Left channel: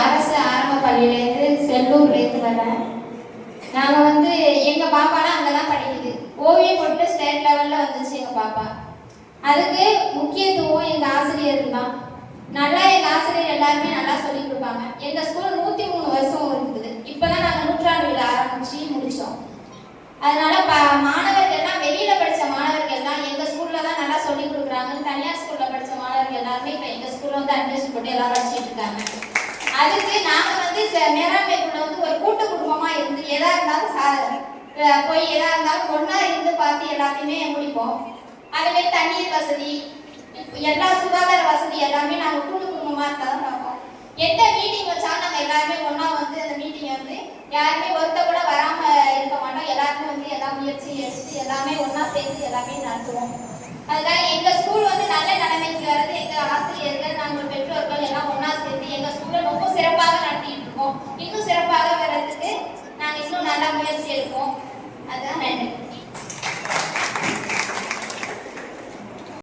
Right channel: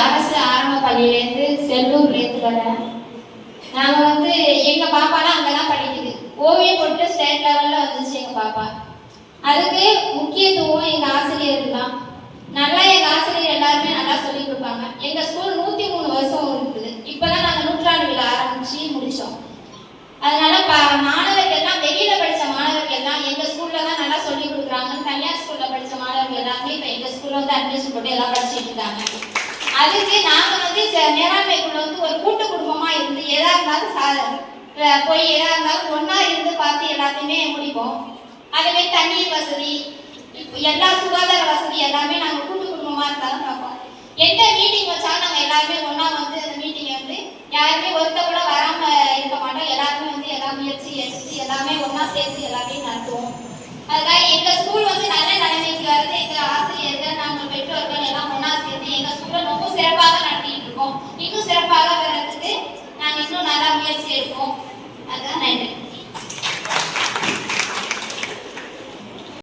அரசு ஆரம்ப பள்ளியிலேருந்து செல்லூர்லேருந்து வரேன் நாங்கள் வந்து எங்கள் பாப்பாலாம் அங்கே தான் படிக்குது. ஓவியம் போட்டு ஸ்டேட் லெவலில் வந்துச்சு எங்கள் பாப்பா. அதுக்கு முக்கியத்துவம் எங்கள் ஆசிரியர் தான். நல்லா எங்கள் ஆசிரியர் எல்லாருமே நல்லா சொல்லிக் கொடுப்பாங்க. எங்கள் ஸ்கூல் நூற்றி மூணு வருஷம் இருக்குது இப்போ தான் நாங்கள் நூற்றாண்டு விழா ஆரம்பித்து முடித்தோம் அதனால் ப மாணவர்கள்லாம் வெளியில் படித்த மாணவர்கள்லாம் எங்கள் ஸ்கூலில் தான் நல்லா சொல்லி கொடுக்குறாங்க தனியார் ஸ்கூலில் படித்த மாணவர்கள் எல்லாருமே இப்போ எங்கள் ஸ்கூலில் வந்து அட்மிஷன் போட்டு எல்லாம் படிச்சுட்டு இருக்காங்க. அதுக்கு நாங்க வந்து மேலாண்மைக்குள்ள வந்து ஒரு கூட்டு குடும்பமா இருந்து எதா இருந்தாலும் சா போய் எதா இருந்தாலும் ஒன்னா இருந்து பார்த்து எல்லாத்தையுமே முடிப்போம். அதுவே தண்ணீர் வசதி எல்லா சுகாதார வசதி எல்லாமே நாங்க கூட்டு குடும்பமா இருந்தாலும் பார்ப்போம். எந்த மீட்டிங் வச்சாலும் நாங்க எல்லாருமே ஒன்றா வந்து அந்த மீட்டிங் வந்து யாருமே ஒருத்த கூட வராம இருக்க மாட்டோம். எல்லாருமே வந்து எல்லா முயற்சி எடுத்து எல்லாமே ஒன்றா சேர்த்து எல்லாமே நடத்துவோம். அதுதான் எங்க Oh.